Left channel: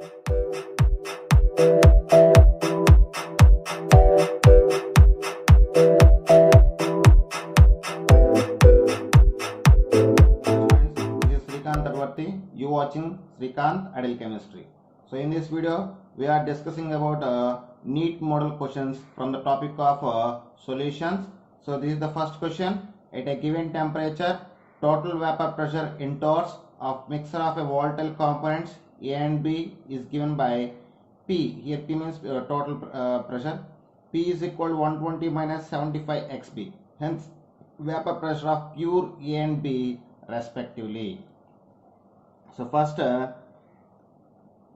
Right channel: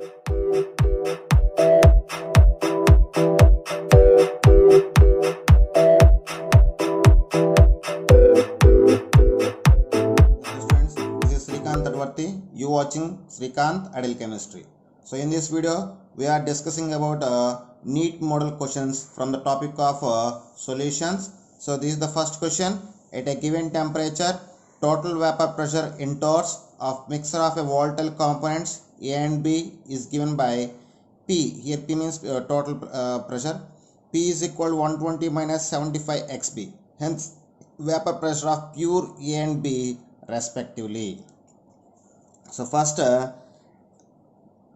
You watching Srikanth Adil Chemistry. So in this video we are discussing about NEET model questions from the topic of solutions. So this is the first question. At a given temperature, total vapor pressure in torrs of mixture of a volatile components A and B is given by P. Here P means total pressure. P is equal to 120 minus 75 XB. Hence vapor pressure of pure A and B respectively. So first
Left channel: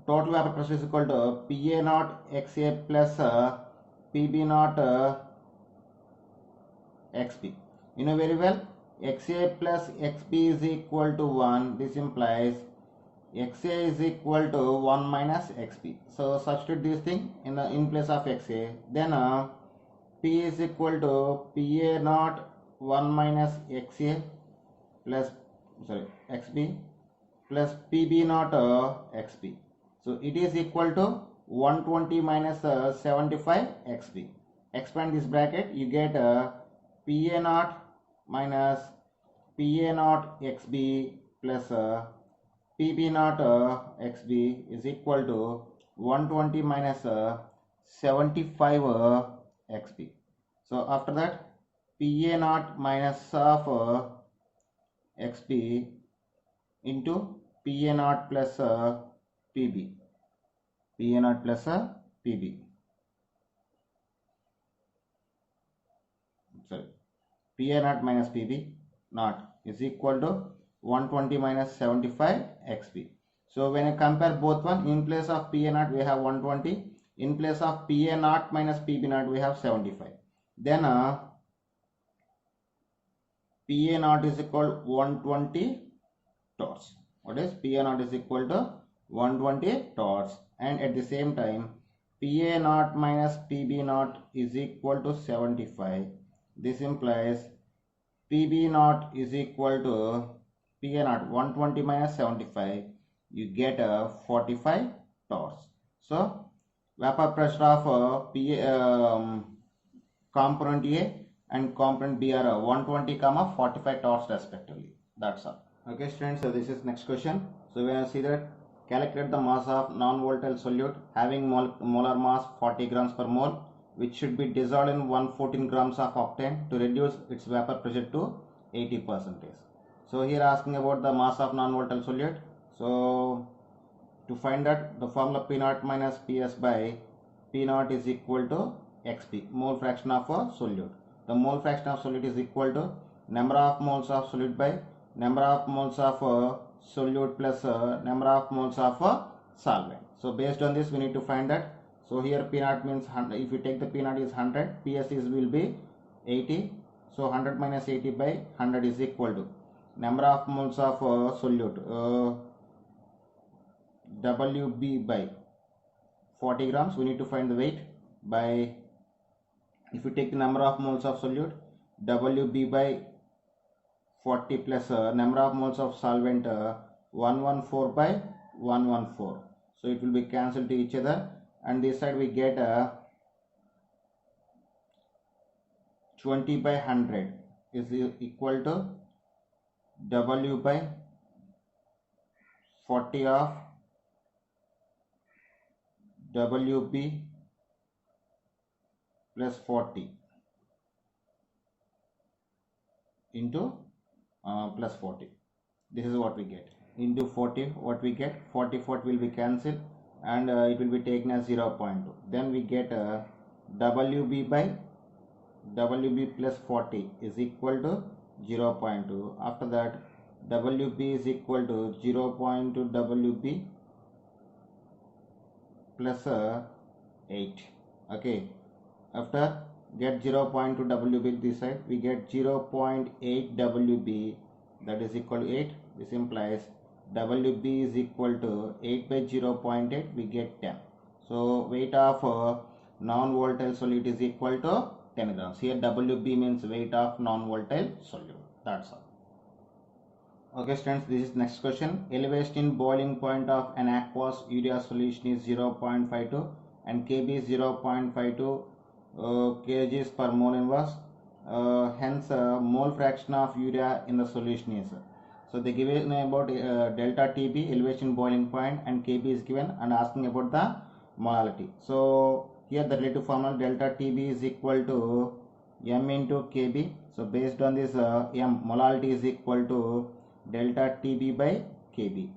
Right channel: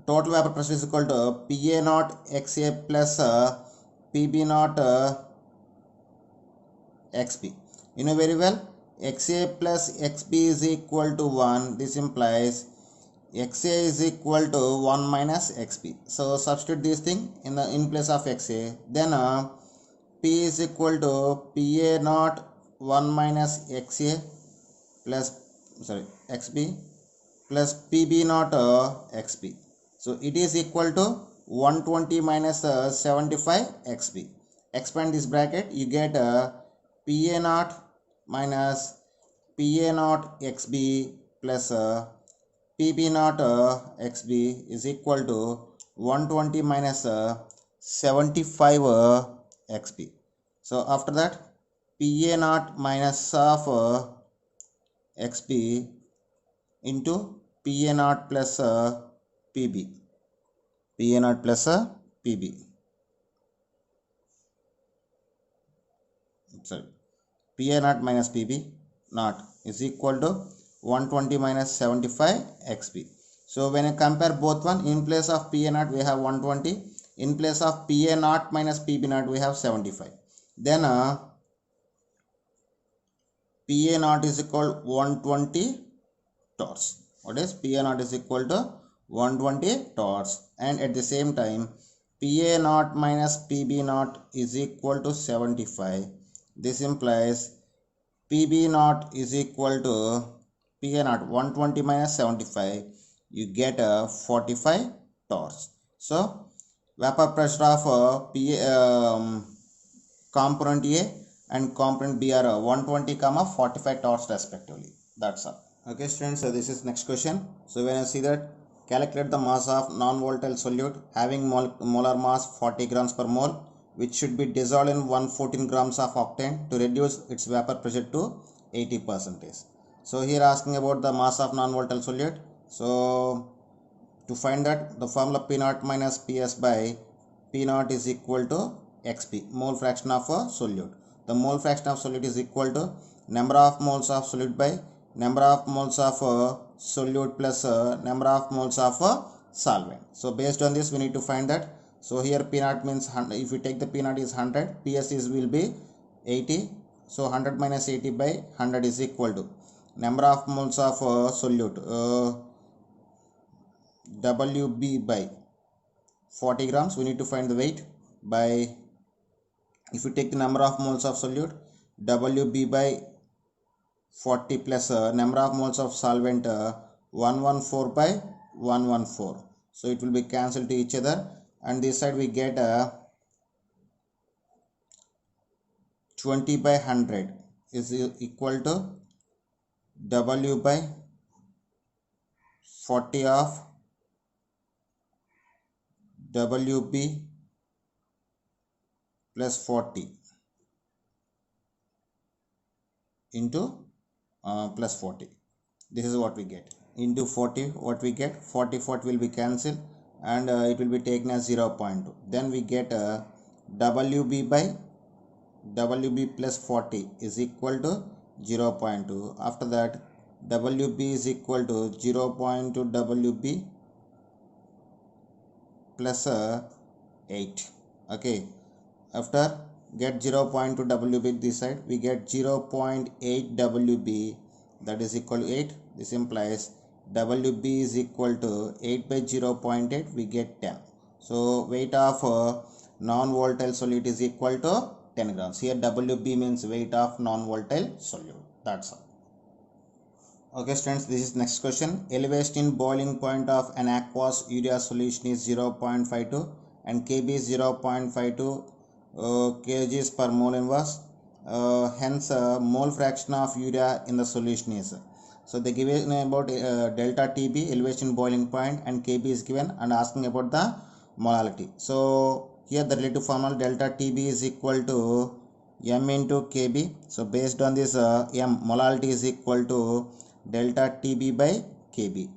total vapor pressure is equal to PA naught XA plus PB naught XB. You know very well XA plus XB is equal to 1. This implies XA is equal to 1 minus XB. So substitute this thing in place of XA. Then P is equal to PA naught 1 minus XA plus XB plus PB naught XB. So it is equal to 120 minus 75 XB. Expand this bracket, you get PA naught minus PA naught XB plus PB naught XB is equal to 120 minus 75 XB. So after that, PA naught minus of XB into PA naught plus PB. PA naught plus PB. Sorry. PA naught minus PB naught is equal to 120 minus 75 XB. So when you compare both one, in place of PA naught we have 120. In place of PA naught minus PB naught we have 75. Then PA naught is equal to 120 torrs. What is PA naught is equal to 120 torrs, and at the same time PA naught minus PB naught is equal to 75. This implies PB naught is equal to PA naught 120 minus 75. You get 45 torrs. So vapor pressure of component A and component B are 120, 45 torrs respectively. That's all. Okay students, so this is next question. So when I see that, calculate the mass of non-volatile solute having molar mass 40 grams per mole, which should be dissolved in 114 grams of octane to reduce its vapor pressure to 80%. So here asking about the mass of non-volatile solute. So to find that, the formula P naught minus PS by P naught is equal to XP, mole fraction of a solute. The mole fraction of solute is equal to number of moles of solute by number of moles of solute plus number of moles of solvent. So based on this we need to find that. So here P naught means 100. If we take the P naught is 100, PS will be 80. So 100 minus 80 by 100 is equal to number of moles of solute WB by 40 grams. We need to find the weight by, if we take the number of moles of solute, WB by 40 plus number of moles of solvent 114 by 114. So it will be cancelled to each other, and this side we get 20 by 100 is equal to W by 40 of WB plus 40 into plus 40. This is what we get. Into 40, what we get, 40 will be cancelled, and it will be taken as 0.2. Then we get WB by WB plus 40 is equal to 0.2. After that, WB is equal to 0.2 WB plus 8. Okay. After get 0.2 WB this side, we get 0.8 WB, that is equal to 8. This implies WB is equal to 8 by 0.8, we get 10. So weight of non-volatile solute is equal to 10 grams. Here WB means weight of non-volatile solute. That's all. Okay students, this is next question. Elevation in boiling point of an aqueous urea solution is 0.52 and Kb is 0.52 kgs per mole inverse. Hence mole fraction of urea in the solution is. So they given about delta Tb, elevation in boiling point, and Kb is given and asking about the molality. So here the relative formula delta Tb is equal to m into Kb. So based on this m, molality is equal to delta Tb by Kb.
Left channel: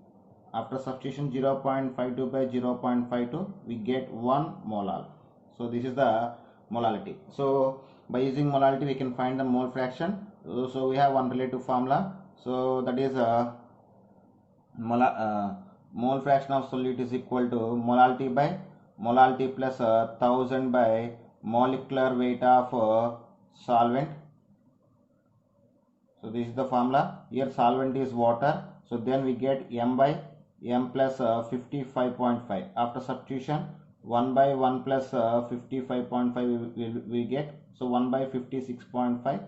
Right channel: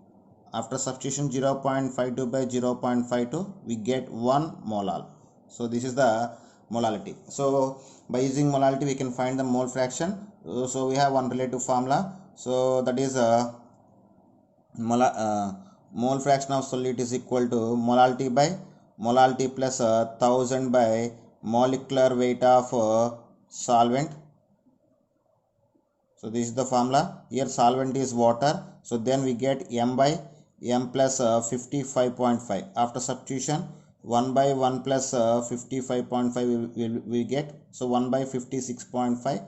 After substitution 0.52 by 0.52 we get 1 molal. So this is the molality. So by using molality we can find the mole fraction. So we have one relative formula. So that is mole fraction of solute is equal to molality by molality plus 1000 by molecular weight of solvent. So this is the formula. Here solvent is water. So then we get m by m plus 55.5. After substitution 1 by 1 plus 55.5 we get. So 1 by 56.5.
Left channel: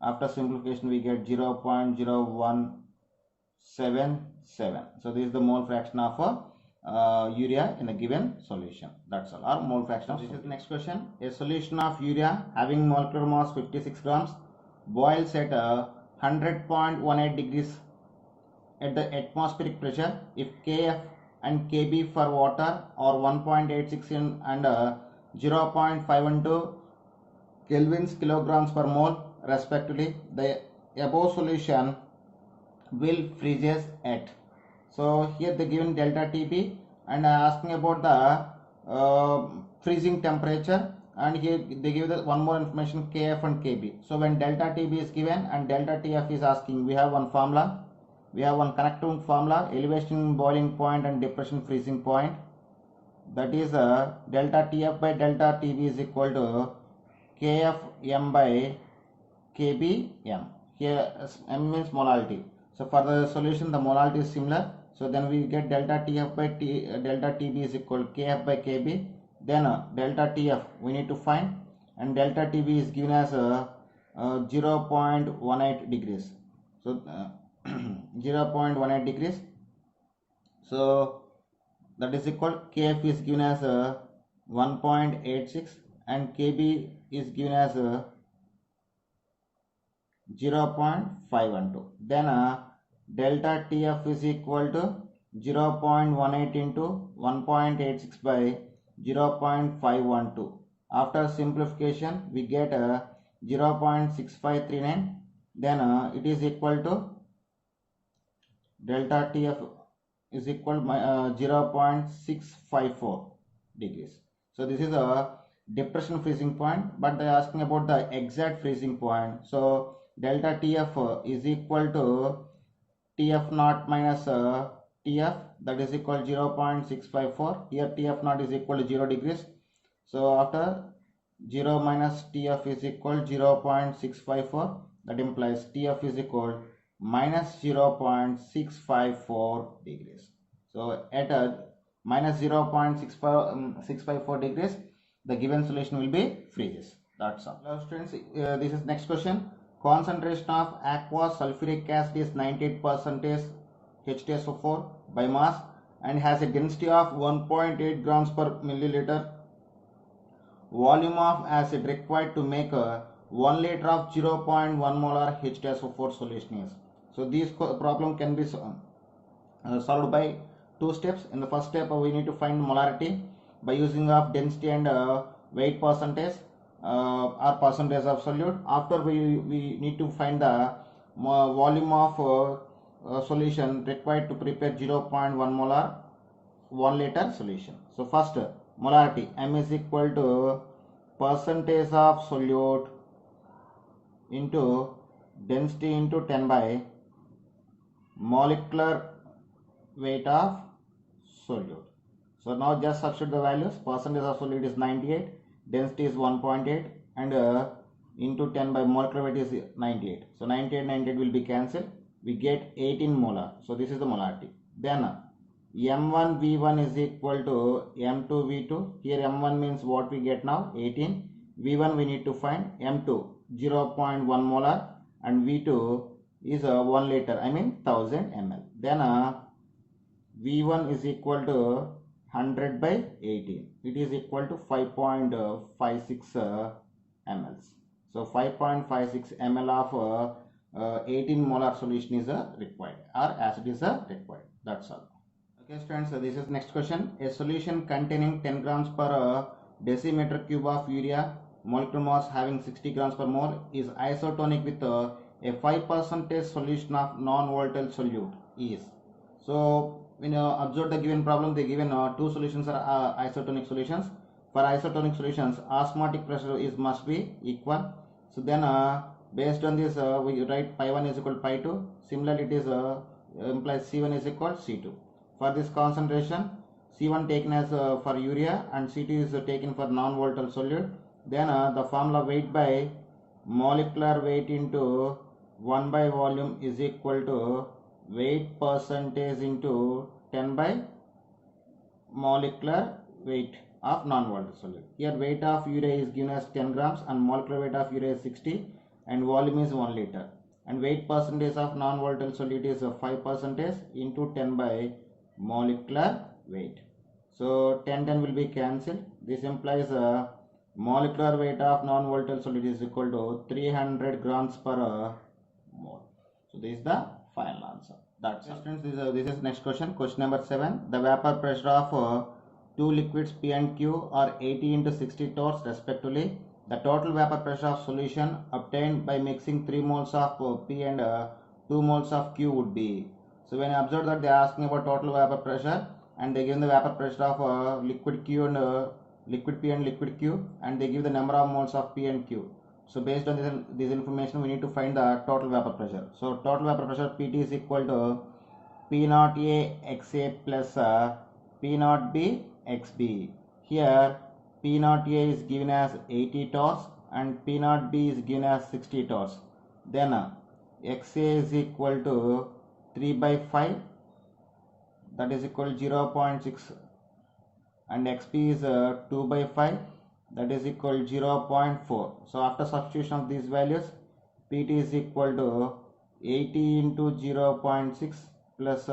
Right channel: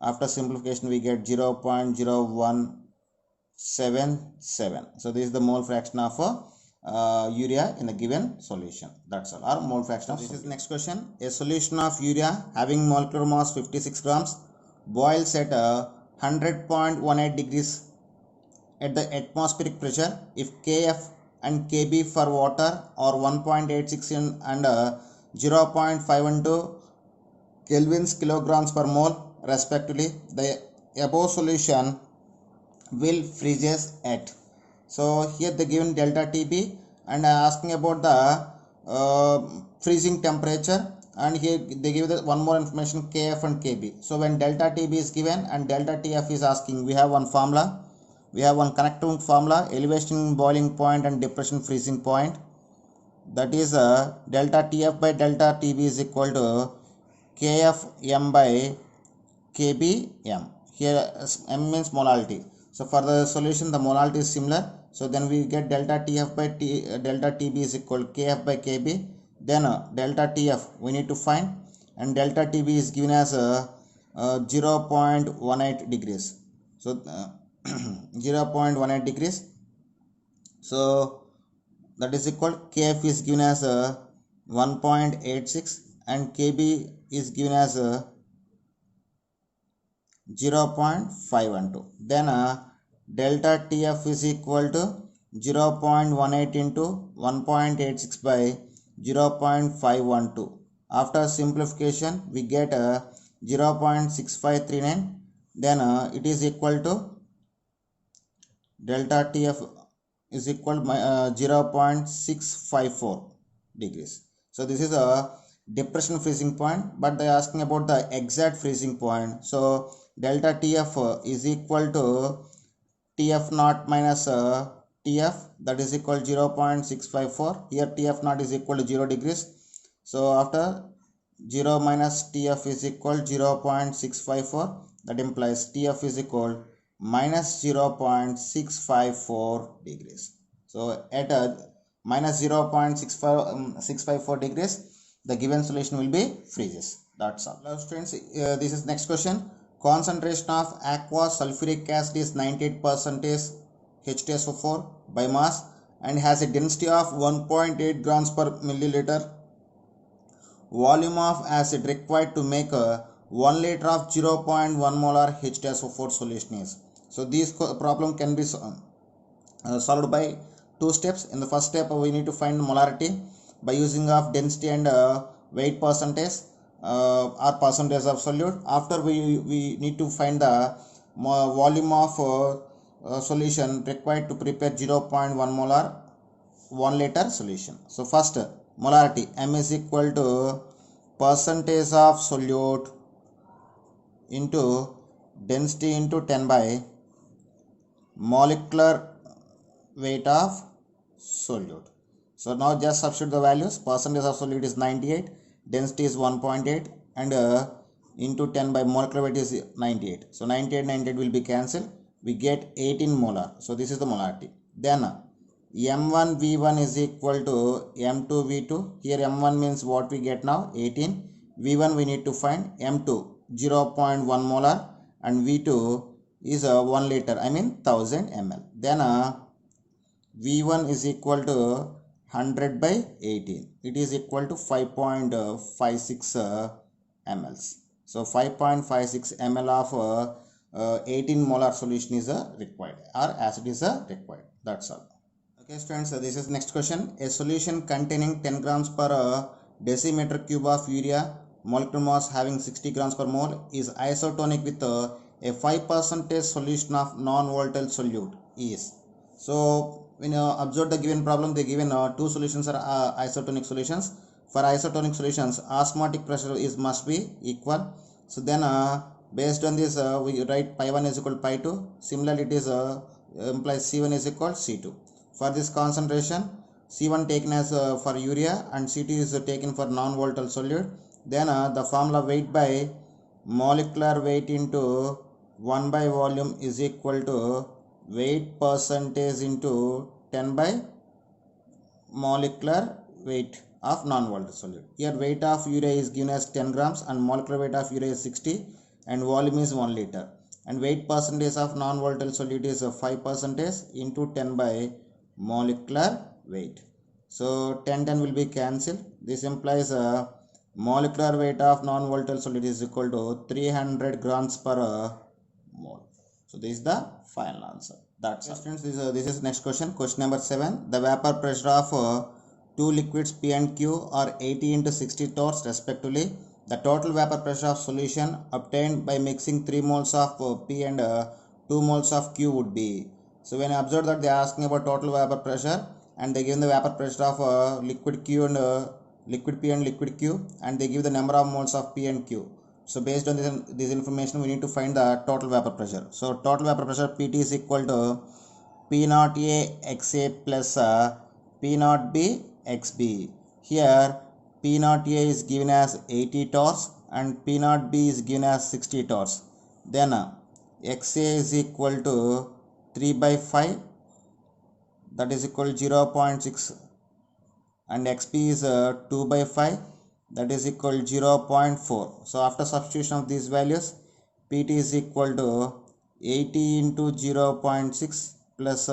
After simplification we get 0.0177. So this is the mole fraction of urea in the given solution. That's all. Or mole fraction of this is next question. A solution of urea having molecular mass 56 grams boils at 100.18 degrees at the atmospheric pressure if Kf and Kb for water are 1.86 and 0.512 kelvins kilograms per mole respectively. The above solution will freezes at. So here they given delta Tb and asking about the freezing temperature, and here they give the one more information Kf and Kb. So when delta Tb is given and delta Tf is asking, we have one formula. We have one connecting formula, elevation boiling point and depression freezing point. That is delta Tf by delta Tb is equal to Kf m by Kb m. Here m means molality. So for the solution the molality is similar. So then we get delta Tf by delta Tb is equal to Kf by Kb. Then delta Tf we need to find, and delta Tb is given as 0.18 degrees. So 0.18 degrees. So that is equal Kf is given as 1.86 and Kb is given as 0.512. Then delta Tf is equal to 0.18 into 1.86 by 0.512. After simplification we get 0.6539. Then it is equal to delta Tf is equal to 0.654 degrees. So this is a depression freezing point, but they are asking about the exact freezing point. So delta Tf is equal to Tf naught minus Tf, that is equal to 0.654. Here Tf naught is equal to 0 degrees. So after 0 minus Tf is equal to 0.654. That implies Tf is equal minus 0.654 degrees. So at minus 0.654 degrees, the given solution will be freezes. That's all. Hello students, this is next question. Concentration of aqueous sulfuric acid is 98% H2SO4 by mass and has a density of 1.8 grams per milliliter. Volume of acid required to make 1 liter of 0.1 molar H2SO4 solution is. So this problem can be solved by two steps. In the first step we need to find molarity by using of density and weight percentage or percentage of solute. After we need to find the volume of solution required to prepare 0.1 molar 1 liter solution. So first molarity m is equal to percentage of solute into density into 10 by molecular weight of solute. So now just substitute the values. Percentage of solute is 98, density is 1.8, and into 10 by molecular weight is 98. So 98 will be cancelled. We get 18 molar. So this is the molarity. Then m1 v1 is equal to m2 v2. Here m1 means what we get now 18. V1 we need to find m2 0.1 molar and v2 is 1 liter, I mean 1000 ml. Then V1 is equal to 100 by 18. It is equal to 5.56 mLs. So 5.56 ml of 18 molar solution is required, or acid is required. That's all. Okay students, so this is next question. A solution containing 10 grams per decimeter cube of urea, molecular mass having 60 grams per mole, is isotonic with a 5% solution of non-volatile solute is. So when you observe the given problem, they given two solutions are isotonic solutions. For isotonic solutions, osmotic pressure is must be equal. So then based on this we write pi 1 is equal to pi 2. Similarly, it is implies C1 is equal to C2. For this concentration, C1 taken as for urea and C2 is taken for non-volatile solute. Then the formula weight by molecular weight into 1 by volume is equal to weight percentage into 10 by molecular weight of non-volatile solute. Here weight of urea is given as 10 grams and molecular weight of urea is 60 and volume is 1 liter. And weight percentage of non-volatile solute is 5% into 10 by molecular weight. So 10 will be cancelled. This implies molecular weight of non-volatile solute is equal to 300 grams per mole. So this is the final answer. That's all. Students, this is next question. Question number 7. The vapor pressure of two liquids P and Q are 80 into 60 torrs respectively. The total vapor pressure of solution obtained by mixing 3 moles of P and 2 moles of Q would be. So when I observe that they are asking about total vapor pressure and they give the vapor pressure of liquid Q and liquid P and liquid Q, and they give the number of moles of P and Q. So based on this information, we need to find the total vapor pressure. So total vapor pressure PT is equal to P naught A XA plus P naught B XB. Here P naught A is given as 80 torrs and P naught B is given as 60 torrs. Then XA is equal to 3 by 5, that is equal to 0.6, and XB is 2 by 5, that is equal to 0.4. So after substitution of these values, PT is equal to 80 into 0.6 plus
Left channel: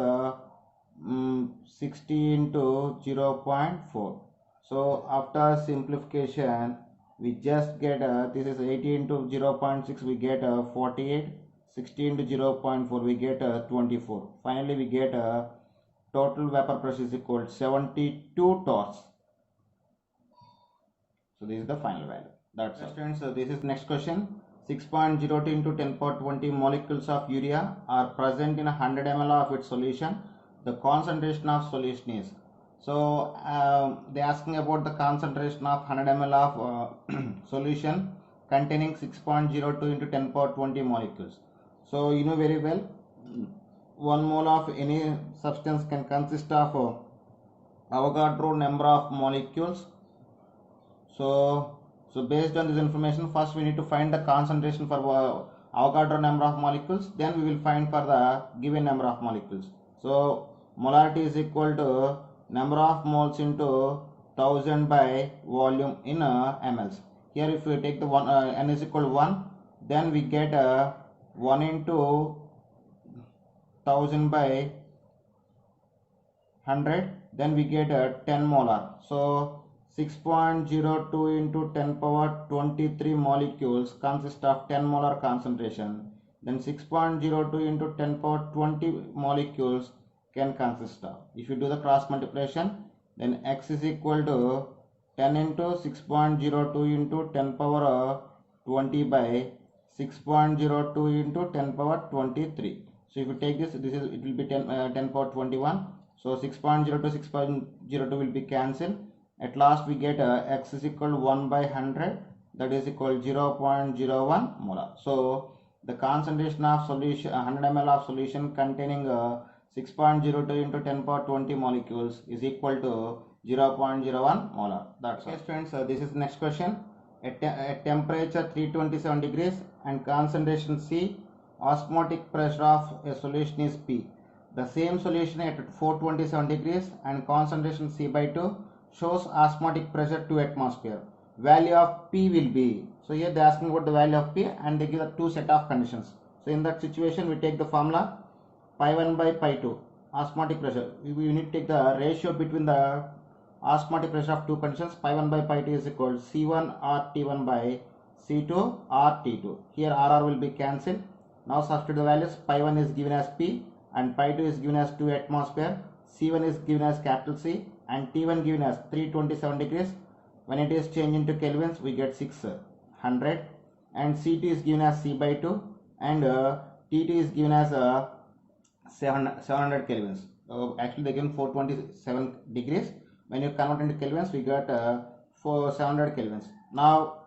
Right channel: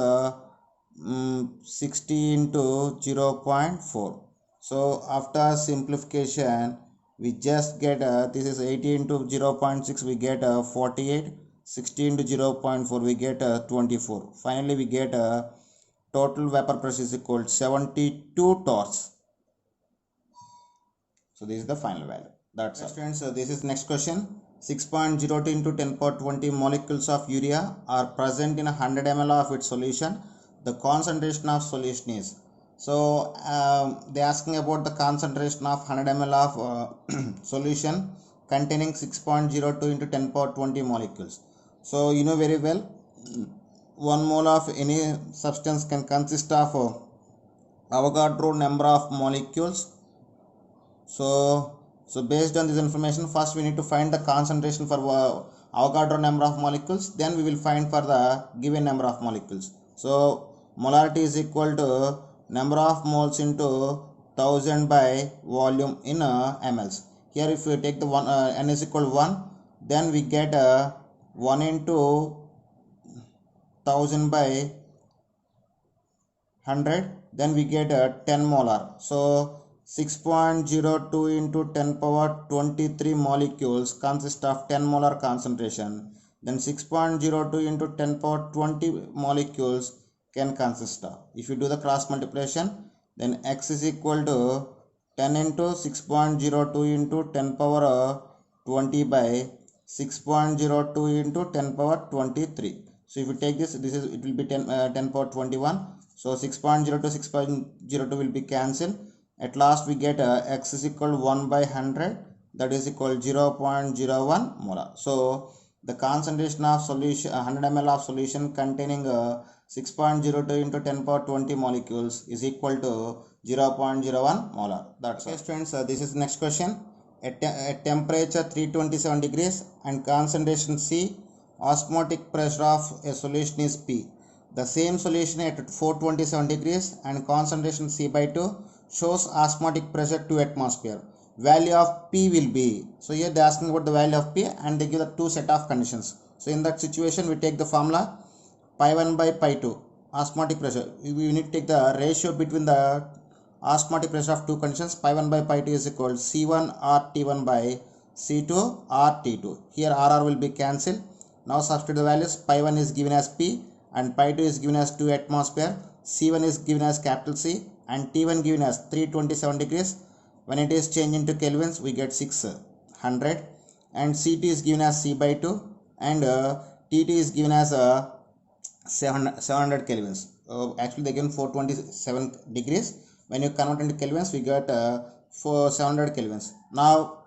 60 into 0.4. So after simplification, we just get this is 80 into 0.6, we get 48. 60 into 0.4, we get 24. Finally, we get total vapor pressure is equal to 72 torrs. So this is the final value. That's all. Students, this is next question. 6.02 into 10 power 20 molecules of urea are present in 100 ml of its solution. The concentration of solution is. So they are asking about the concentration of 100 ml of solution containing 6.02 into 10 power 20 molecules. So you know very well, 1 mole of any substance can consist of Avogadro number of molecules. So based on this information, first we need to find the concentration for Avogadro number of molecules, then we will find for the given number of molecules. So molarity is equal to number of moles into 1000 by volume in mLs. Here if we take the n is equal to 1, then we get 1 into 1000 by 100, then we get 10 molar. So 6.02 into 10 power 23 molecules consist of 10 molar concentration. Then 6.02 into 10 power 20 molecules can consist of. If you do the cross multiplication, then X is equal to 10 into 6.02 into 10 power 20 by 6.02 into 10 power 23. So if you take this, it will be 10 power 21. So 6.02 6.02 will be cancelled. At last we get X is equal to 1 by 100, that is equal to 0.01 molar. So the concentration of solution 100 ml of solution containing 6.02 into 10 power 20 molecules is equal to 0.01 molar. That's okay, students. This is the next question. At temperature 327 degrees and concentration C, osmotic pressure of a solution is P. The same solution at 427 degrees and concentration C by 2 shows osmotic pressure 2 atmosphere. Value of P will be. So here they are asking about the value of P and they give the two set of conditions. So in that situation, we take the formula pi 1 by pi 2 osmotic pressure. We need to take the ratio between the osmotic pressure of two conditions. Pi 1 by pi 2 is equal to C1 R T1 by C2 R T2. Here RR will be cancelled. Now substitute the values. Pi 1 is given as P and pi 2 is given as 2 atmosphere. C1 is given as capital C and T1 given as 327 degrees. When it is changed into kelvins, we get 600, and C2 is given as C by 2 and T2 is given as 700 kelvins. Actually they given 427 degrees. When you convert into kelvins, we get 700 kelvins. Now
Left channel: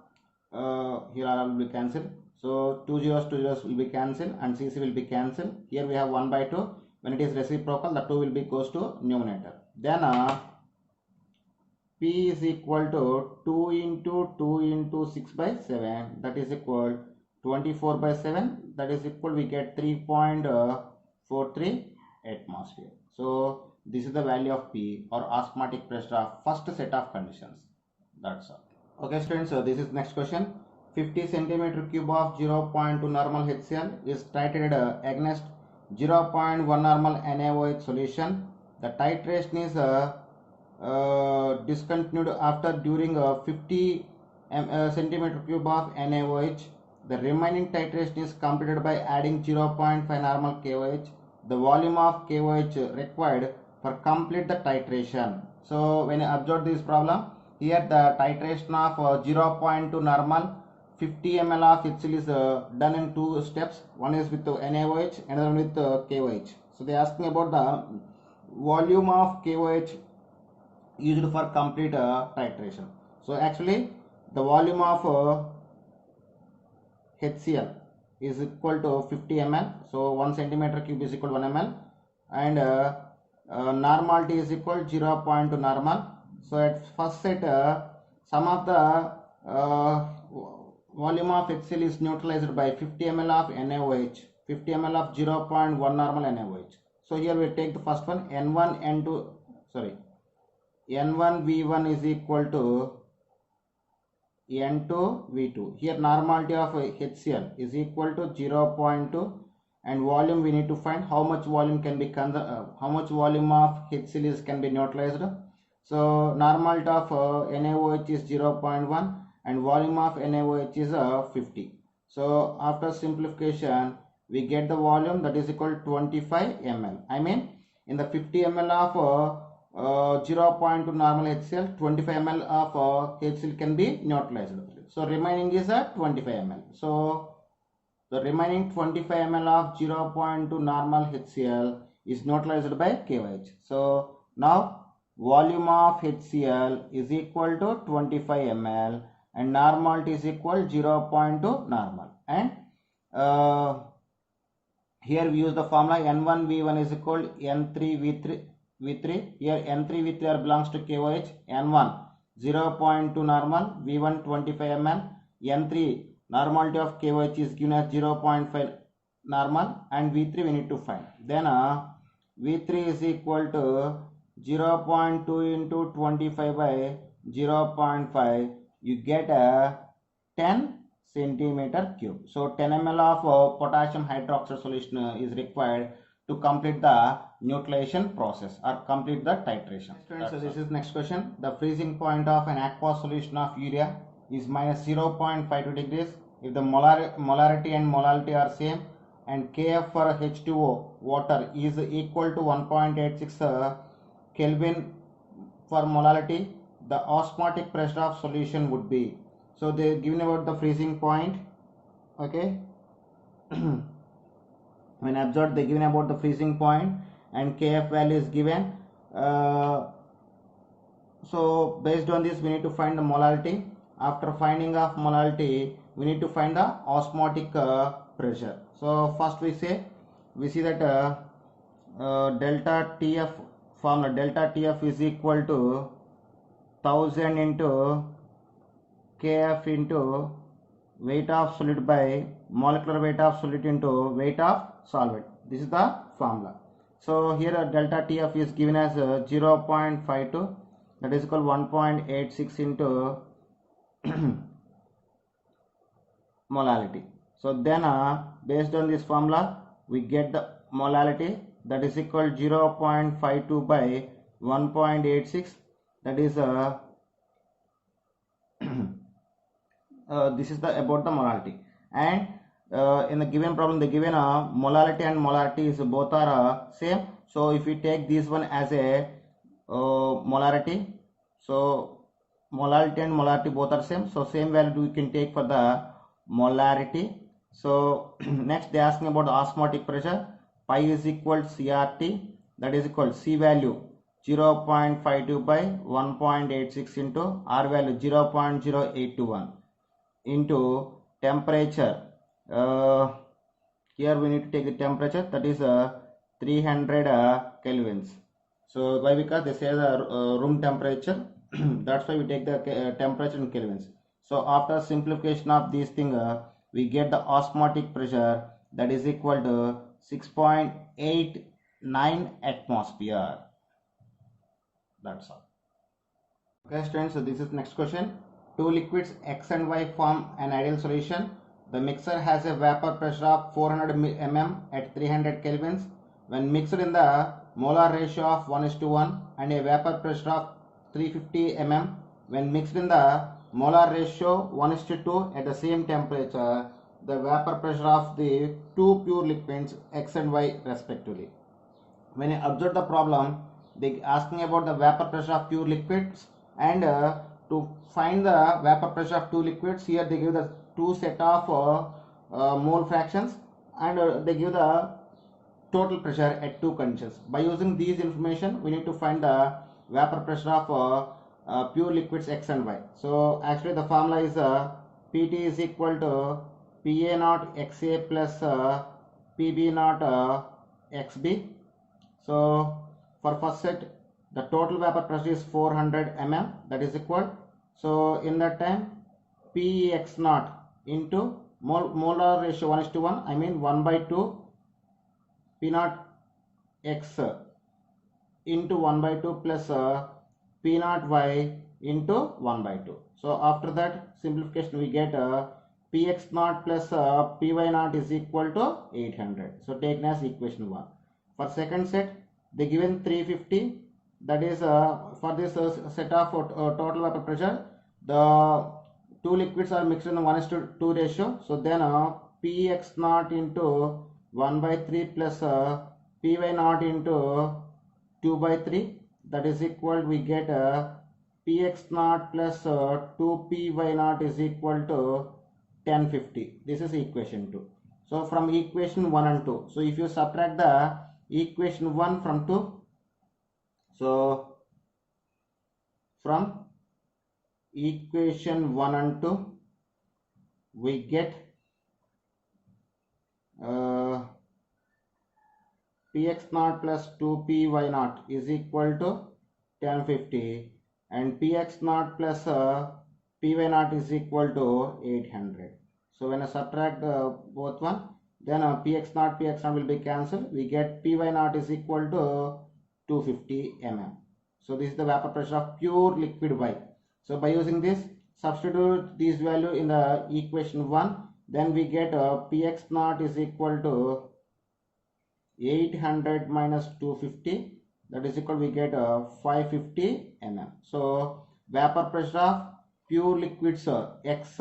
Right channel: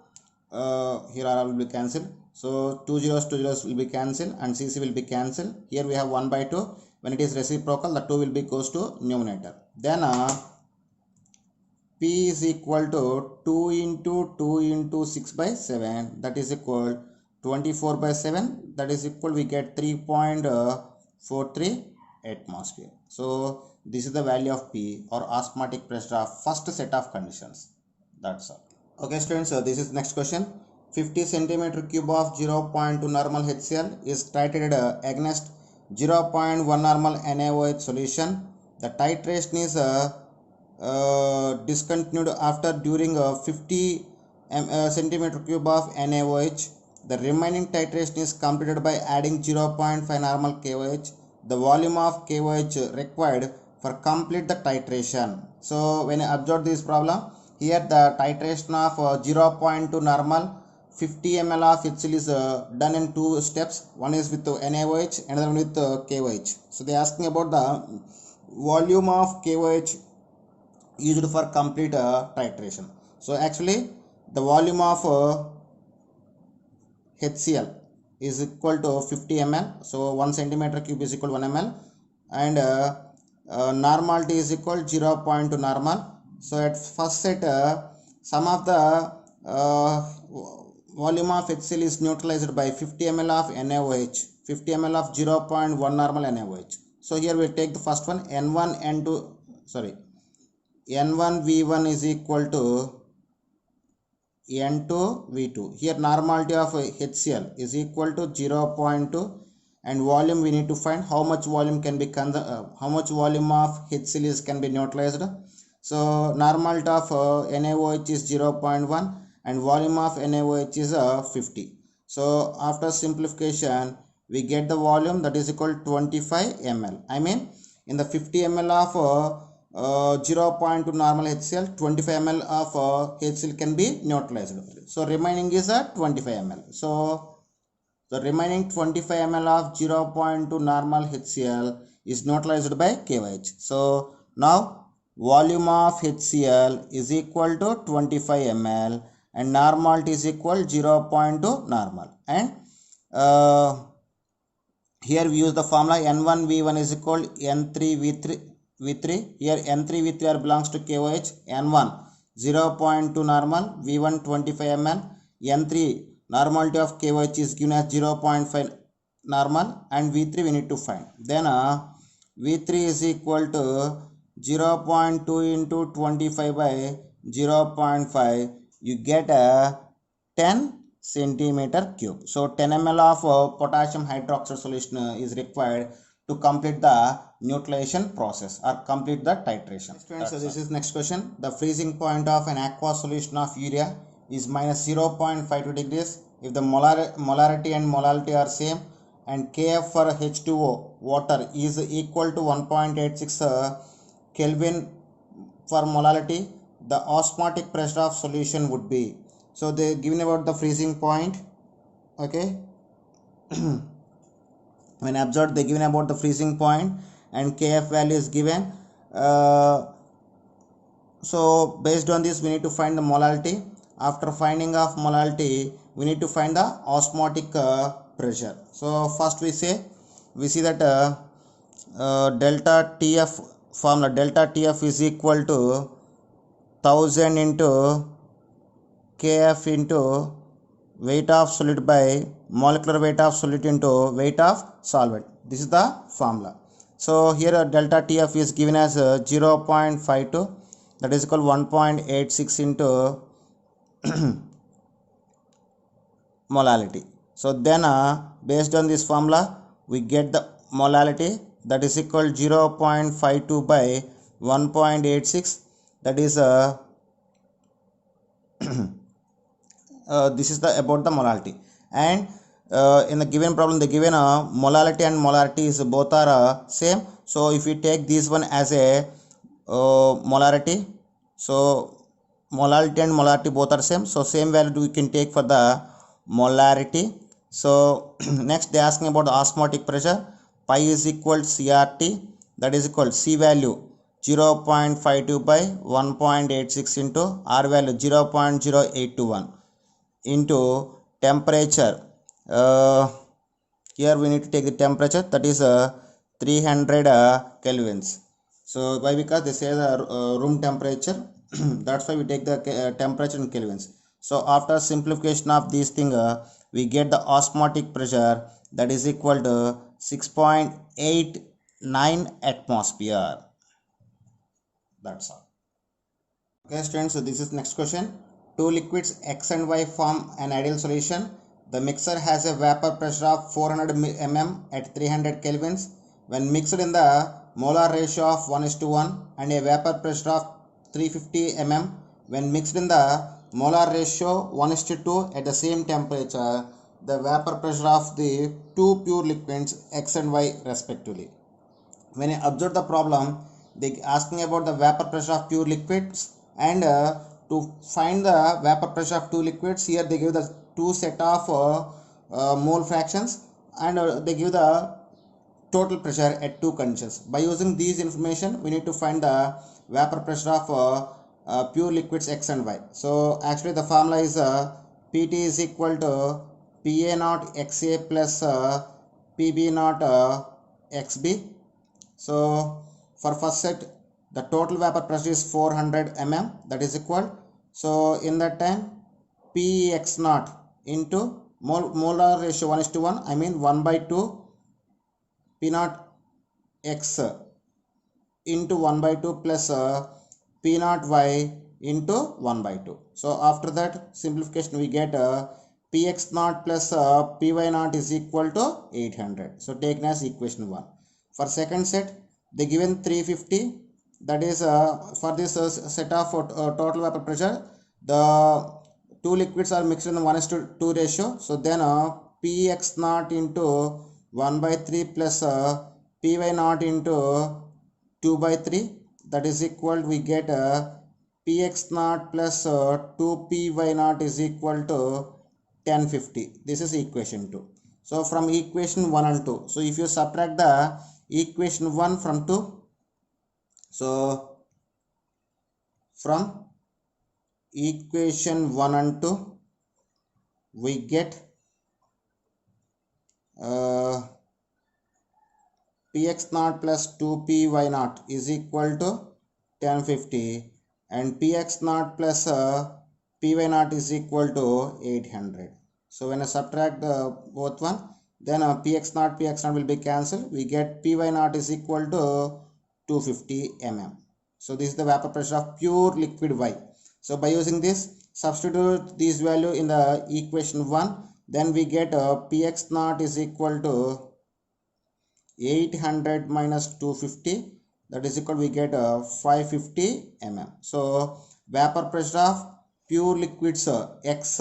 here R will be cancelled. So 2 zeros will be cancelled and CC will be cancelled. Here we have 1 by 2. When it is reciprocal, the 2 will be goes to numerator. Then P is equal to 2 into 6 by 7. That is equal 24 by 7. That is equal, we get 3.43 atmosphere. So this is the value of P, or osmotic pressure of first set of conditions. That's all. Okay students, so this is next question. 50 centimeter cube of 0.2 normal HCl is titrated against 0.1 normal NaOH solution. The titration is discontinued after during 50 centimeter cube of NaOH. The remaining titration is completed by adding 0.5 normal KOH. The volume of KOH required for complete the titration. So when I observe this problem, here the titration of 0.2 normal 50 ml of HCl is done in two steps. One is with NaOH, another one with KOH. So they are asking about the volume of KOH used for complete titration. So actually the volume of HCl is equal to 50 ml. So 1 centimeter cube is equal to 1 ml, and normality is equal to 0.2 normal. So at first set, some of the volume of HCl is neutralized by 50 ml of NaOH, 50 ml of 0.1 normal NaOH. So here we take the first one, N1V1 is equal to N2V2. Here normality of HCl is equal to 0.2, and volume we need to find how much volume can be how much volume of HCl can be neutralized. So normality of NaOH is 0.1 and volume of NaOH is 50. So after simplification, we get the volume that is equal to 25 ml. I mean, in the 50 ml of 0.2 normal HCl, 25 ml of HCl can be neutralized. So remaining is 25 ml. So the remaining 25 ml of 0.2 normal HCl is neutralized by KOH. So now volume of HCl is equal to 25 ml and normality is equal 0.2 normal. And here we use the formula N1V1 is equal N3V3. Here N3V3 belongs to KOH. N1 0.2 normal, V1 25 ml, N3 normality of KOH is given as 0.5 normal, and V3 we need to find. Then V3 is equal to 0.2 into 25 by 0.5. You get a 10 centimeter cube. So 10 ml of potassium hydroxide solution is required to complete the neutralization process or complete the titration. So this is next question. The freezing point of an aqueous solution of urea is minus 0.52 degrees if the molarity and molality are same, and Kf for H2O water is equal to 1.86 Kelvin for molality. The osmotic pressure of solution would be. So they given about the freezing point. Okay. When observed, they given about the freezing point and Kf value is given. So based on this, we need to find the molality. After finding of molality, we need to find the osmotic pressure. So first we see that delta TF formula, delta TF is equal to 1000 into Kf into weight of solid by molecular weight of solid into weight of solvent. This is the formula. So here delta TF is given as 0.52, that is equal to 1.86 into molality. So then based on this formula we get the molality, that is equal 0.52 by 1.86, that is this is the about the molality. And in the given problem they given molality and molarity is both are same. So if we take this one as a molarity, so molality and molarity both are same, so same value we can take for the molarity. So next they asking about the osmotic pressure. Pi is equal to CRT, that is equal to C value 0.52 by 1.86 into R value 0.0821 into temperature. Here we need to take the temperature, that is 300 kelvins. So why? Because they say the room temperature that's why we take the temperature in kelvins. So after simplification of this thing we get the osmotic pressure, that is equal to 6.89 atmosphere. That's all. Okay students, so this is next question. Two liquids X and Y form an ideal solution. The mixer has a vapor pressure of 400 mm at 300 kelvins. When mixed in the molar ratio of 1:1 and a vapor pressure of 350 mm, when mixed in the molar ratio 1:2 at the same temperature, the vapor pressure of the two pure liquids X and Y respectively. When I observe the problem, they asking about the vapor pressure of pure liquids, and to find the vapor pressure of two liquids, here they give the two set of mole fractions, and they give the total pressure at two conditions. By using these information we need to find the vapor pressure of pure liquids X and Y. So actually the formula is Pt is equal to Pa naught Xa plus Pb naught Xb. So for first set the total vapor pressure is 400 mm, that is equal, so in that time Px naught into molar ratio 1:1, I mean 1/2 P naught X into 1/2 plus P naught Y into 1/2. So after that simplification we get Px naught plus Py naught is equal to 800. So taken as equation 1. For second set they given 350, that is for this set of total vapor pressure the two liquids are mixed in the 1:2 ratio. So then Px naught into 1/3 plus Py naught into 2/3, that is equal, we get Px naught plus 2Py naught is equal to 1050. This is equation 2. So from equation 1 and 2, so if you subtract the equation 1 from 2, so from equation 1 and 2 we get Px naught plus 2Py naught is equal to 1050, and Px naught plus Py naught is equal to 800. So when I subtract both one, then Px naught will be cancelled. We get Py naught is equal to 250 mm. So this is the vapor pressure of pure liquid Y. So by using this, substitute this value in the equation 1, then we get Px naught is equal to 800 minus 250, that is equal, we get 550 mm. So vapor pressure of pure liquids X,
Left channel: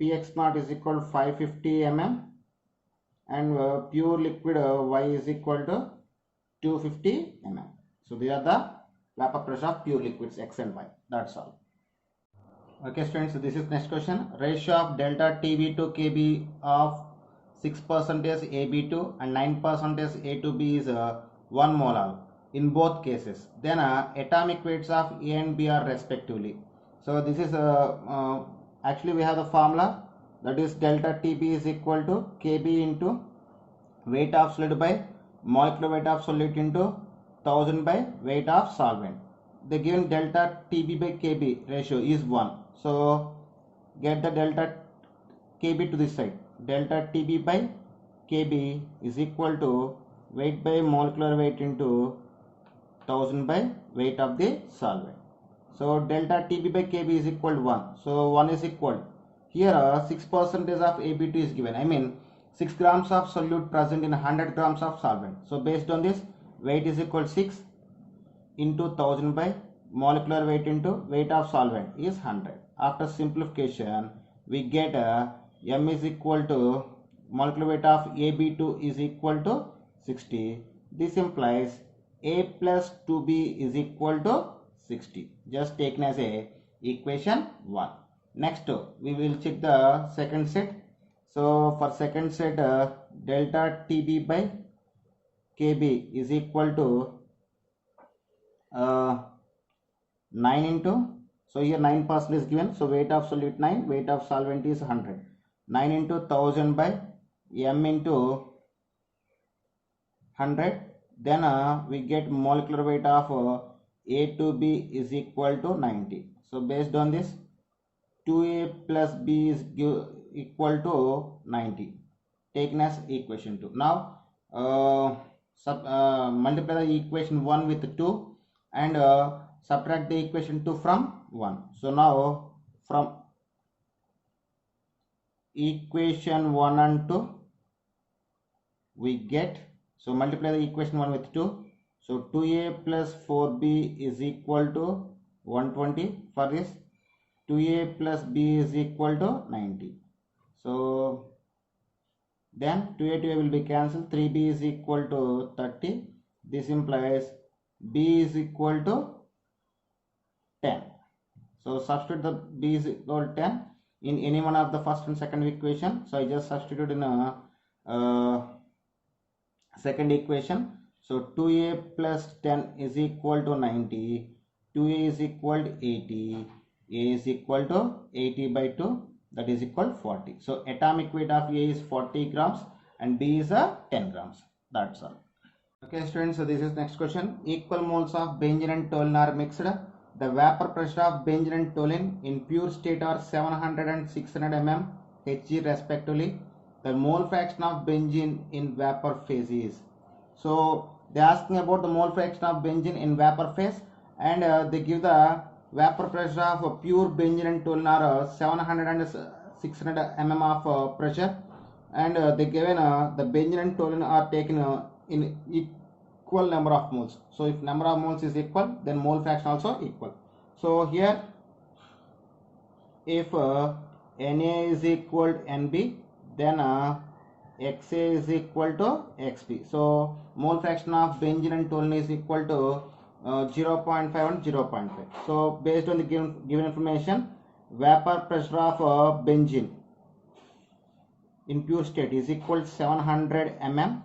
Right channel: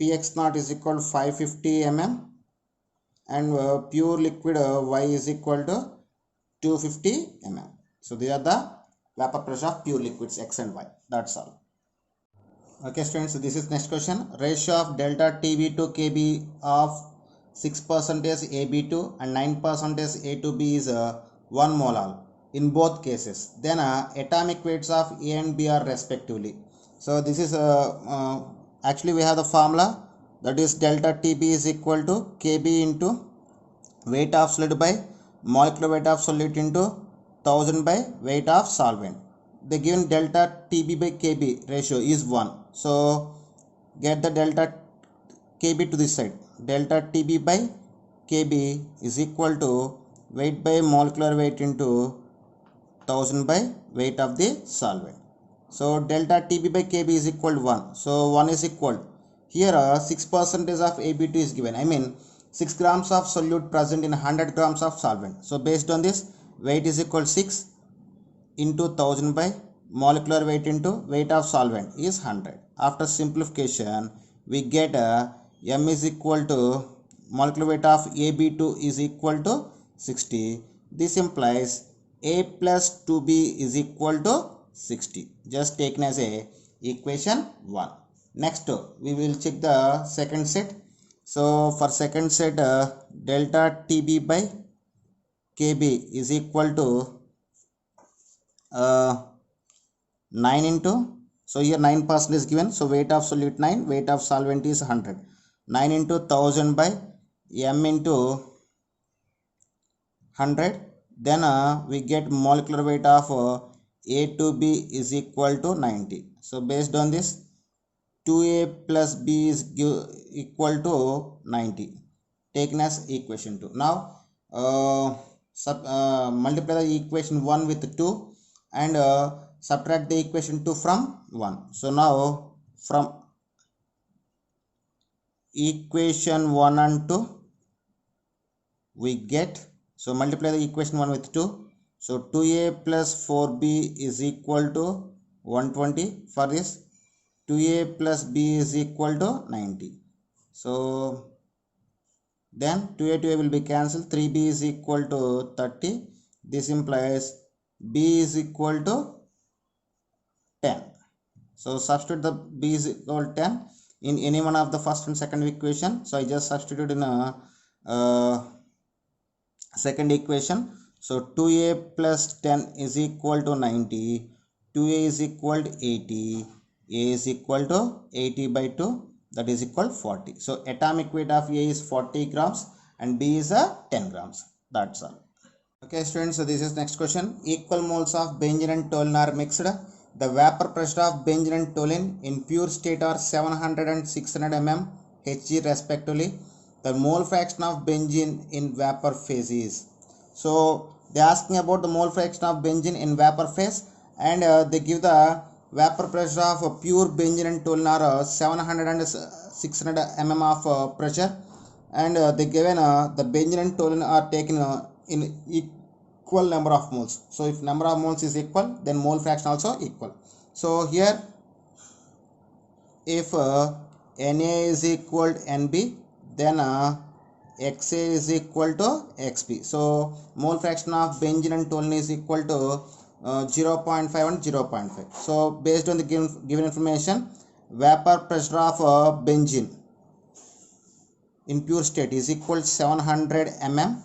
Px naught is equal to 550 mm, and pure liquid Y is equal to 250 mm. So these are the vapor pressure of pure liquids X and Y. That's all. Okay students, so this is next question. Ratio of delta TB to KB of 6% AB2 and 9% A2B is 1 molar in both cases. Then atomic weights of A and B are respectively. So this is actually we have the formula, that is delta TB is equal to KB into weight of solid by molecular weight of solute into 1000 by weight of solvent. The given delta TB by KB ratio is 1. So get the delta KB to this side. Delta TB by KB is equal to weight by molecular weight into 1000 by weight of the solvent. So delta TB by KB is equal to 1. So 1 is equal. here 6% of AB2 is given. I mean 6 grams of solute present in 100 grams of solvent. So based on this, weight is equal to 6 into 1000 by molecular weight into weight of solvent is 100. After simplification, we get M is equal to molecular weight of AB2 is equal to 60. This implies A plus 2B is equal to 60. Just taken as a equation 1. Next, we will check the second set. So for second set, delta TB by KB is equal to 9 into, so here 9% is given, so weight of solute 9, weight of solvent is 100. 9 into 1000 by M into 100. Then we get molecular weight of A to B is equal to 90. So based on this, 2A plus B is equal to 90, taken as equation 2. Now multiply the equation 1 with 2 and subtract the equation 2 from 1. So now from equation 1 and 2 we get, so multiply the equation 1 with 2. So 2A plus 4B is equal to 120. For this, 2A plus B is equal to 90. So then 2A will be cancelled. 3B is equal to 30. This implies B is equal to 10. So substitute the B is equal to 10 in any one of the first and second equation. So I just substitute in a second equation. So 2A plus 10 is equal to 90. 2A is equal to 80. A is equal to 80 by 2, that is equal to 40. So atomic weight of A is 40 grams and B is 10 grams. That's all. Okay students, so this is next question. Equal moles of benzene and toluene are mixed. The vapor pressure of benzene and toluene in pure state are 700 and 600 mm Hg respectively. The mole fraction of benzene in vapor phase is. So they are asking about the mole fraction of benzene in vapor phase, and they give the vapor pressure of pure benzene and toluene are 700 and 600 mm of pressure, and they given the benzene and toluene are taken in equal number of moles. So if number of moles is equal, then mole fraction also equal. So here if Na is equal to Nb, then Xa is equal to Xb. So mole fraction of benzene and toluene is equal to 0.5 and 0.5. So based on the given information, vapor pressure of benzene in pure state is equal to 700 mm,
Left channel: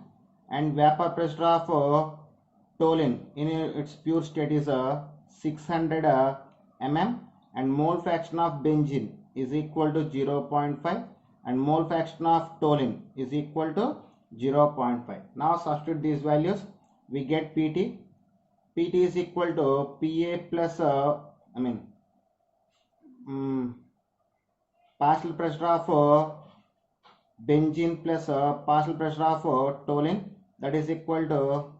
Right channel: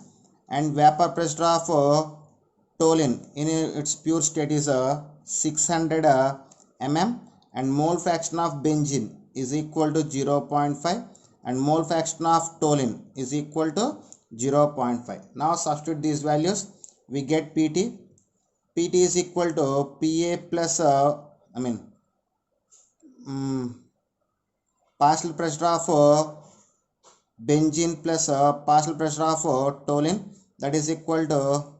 and vapor pressure of toluene in its pure state is 600 mm, and mole fraction of benzene is equal to 0.5 and mole fraction of toluene is equal to 0.5. Now substitute these values, we get Pt. Pt is equal to Pa plus partial pressure of benzene plus partial pressure of toluene, that is equal to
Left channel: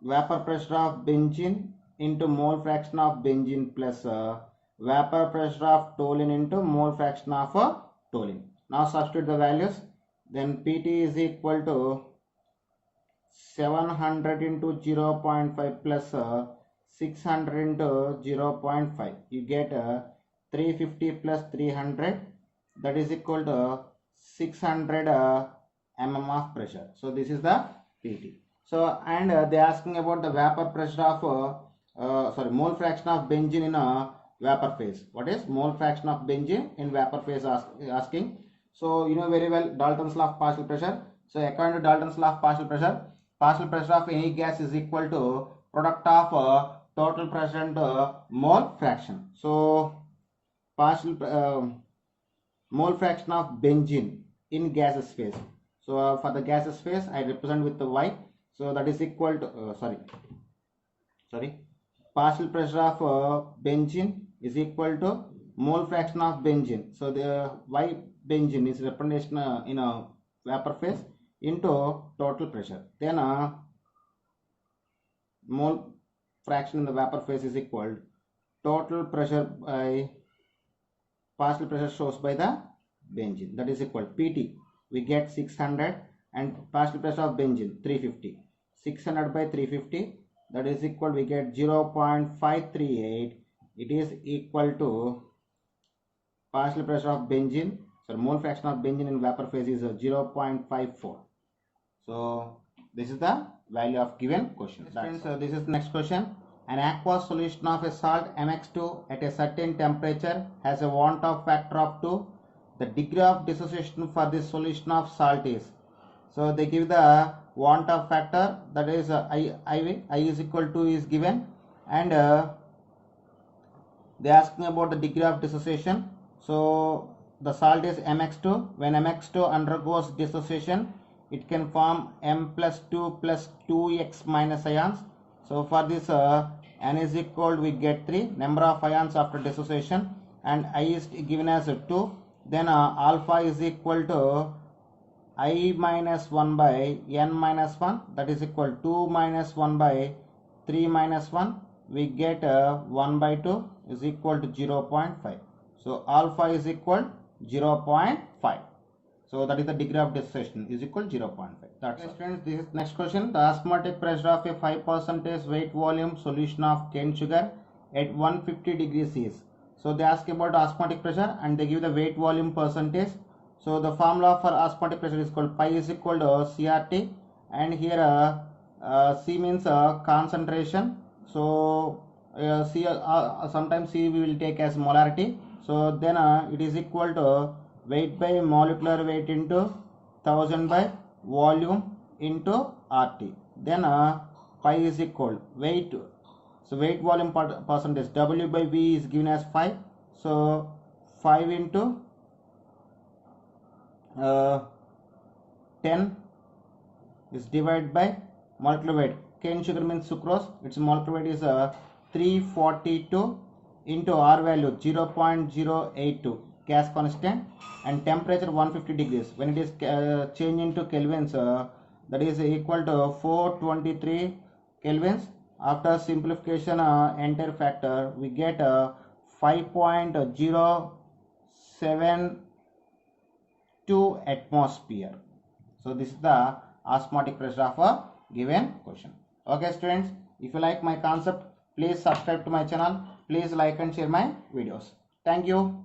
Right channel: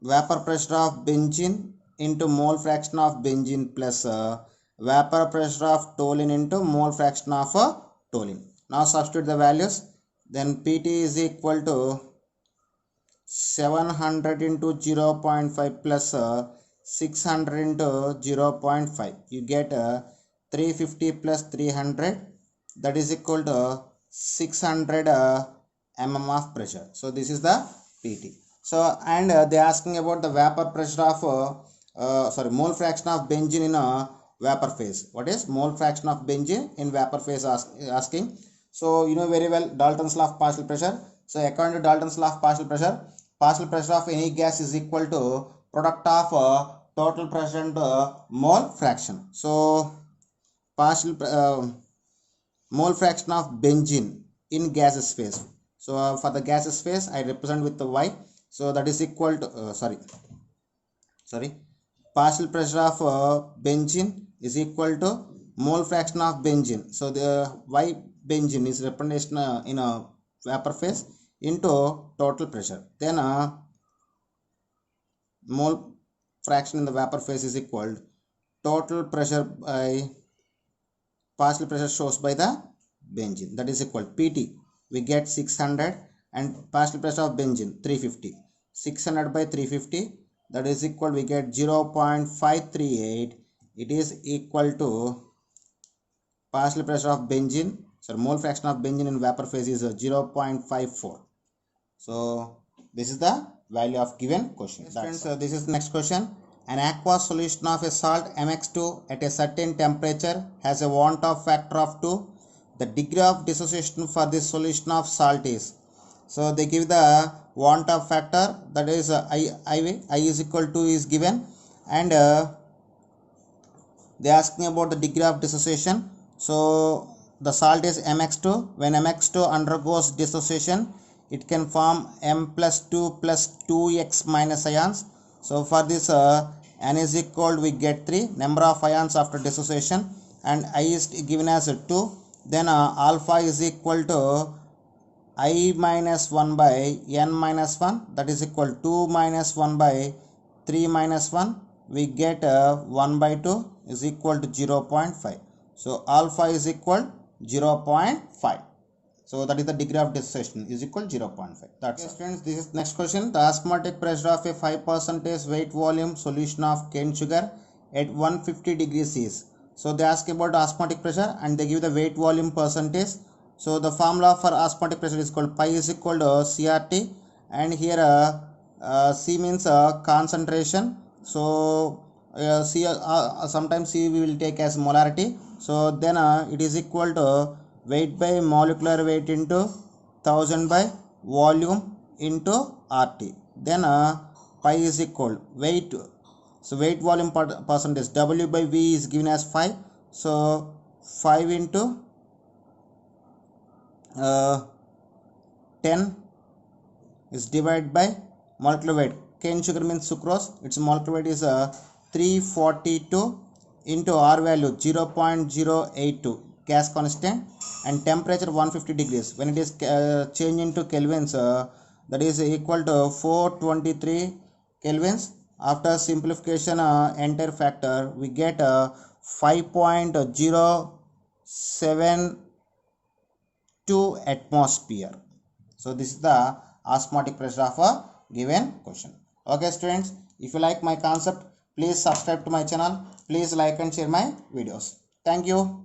vapor pressure of benzene into mole fraction of benzene plus vapor pressure of toluene into mole fraction of toluene. Now substitute the values, then Pt is equal to 700 into 0.5 plus 600 into 0.5. You get 350 plus 300, that is equal to 600 mm of pressure. So this is the Pt. So and they are asking about the vapor pressure of mole fraction of benzene in a vapor phase. What is mole fraction of benzene in vapor phase asking? So you know very well Dalton's law of partial pressure. So according to Dalton's law of partial pressure of any gas is equal to product of total pressure and mole fraction. So mole fraction of benzene in gaseous phase. So for the gaseous phase I represent with the Y. So that is equal to partial pressure of benzene is equal to mole fraction of benzene. So the Y benzene is representation in a vapor phase into total pressure. Then mole fraction in the vapor phase is equal to total pressure by partial pressure shows by the benzene, that is equal Pt. We get 600 and partial pressure of benzene 350. 600 by 350, that is equal, we get 0.538. It is equal to partial pressure of benzene, so mole fraction of benzene in vapor phase is 0.54. So this is the value of given question. Friends, this is the next question. An aqueous solution of a salt MX2 at a certain temperature has a want-off factor of 2. The degree of dissociation for this solution of salt is. So they give the want-off factor, that is I is equal to is given, and they are asking about the degree of dissociation. So the salt is MX2. When MX2 undergoes dissociation, it can form M plus 2 plus 2x minus ions. So for this N is equal, we get 3 number of ions after dissociation, and I is given as 2. Then alpha is equal to I minus 1 by N minus 1, that is equal 2 minus 1 by 3 minus 1. We get 1 by 2 is equal to 0.5. So alpha is equal 0.5. So that is the degree of dissociation is equal 0.5. That's it. Friends, this is next question. The osmotic pressure of a 5% weight volume solution of cane sugar at 150 degrees is. So they ask about osmotic pressure and they give the weight volume percentage. So the formula for osmotic pressure is called pi is equal to CRT, and here C means concentration. So C sometimes C we will take as molarity. So then it is equal to weight by molecular weight into 1000 by volume into RT. Then pi is equal weight. So weight volume percentage, W by V is given as 5. So 5 into 10 is divided by molecular weight. Cane sugar means sucrose. Its molecular weight is 342 into R value 0.082. Gas constant, and temperature 150 degrees. When it is changed into kelvins, that is equal to 423 kelvins. After simplification entire factor, we get 5.072 atmosphere. So this is the osmotic pressure of a given question. Okay students, if you like my concept, please subscribe to my channel. Please like and share my videos. Thank you.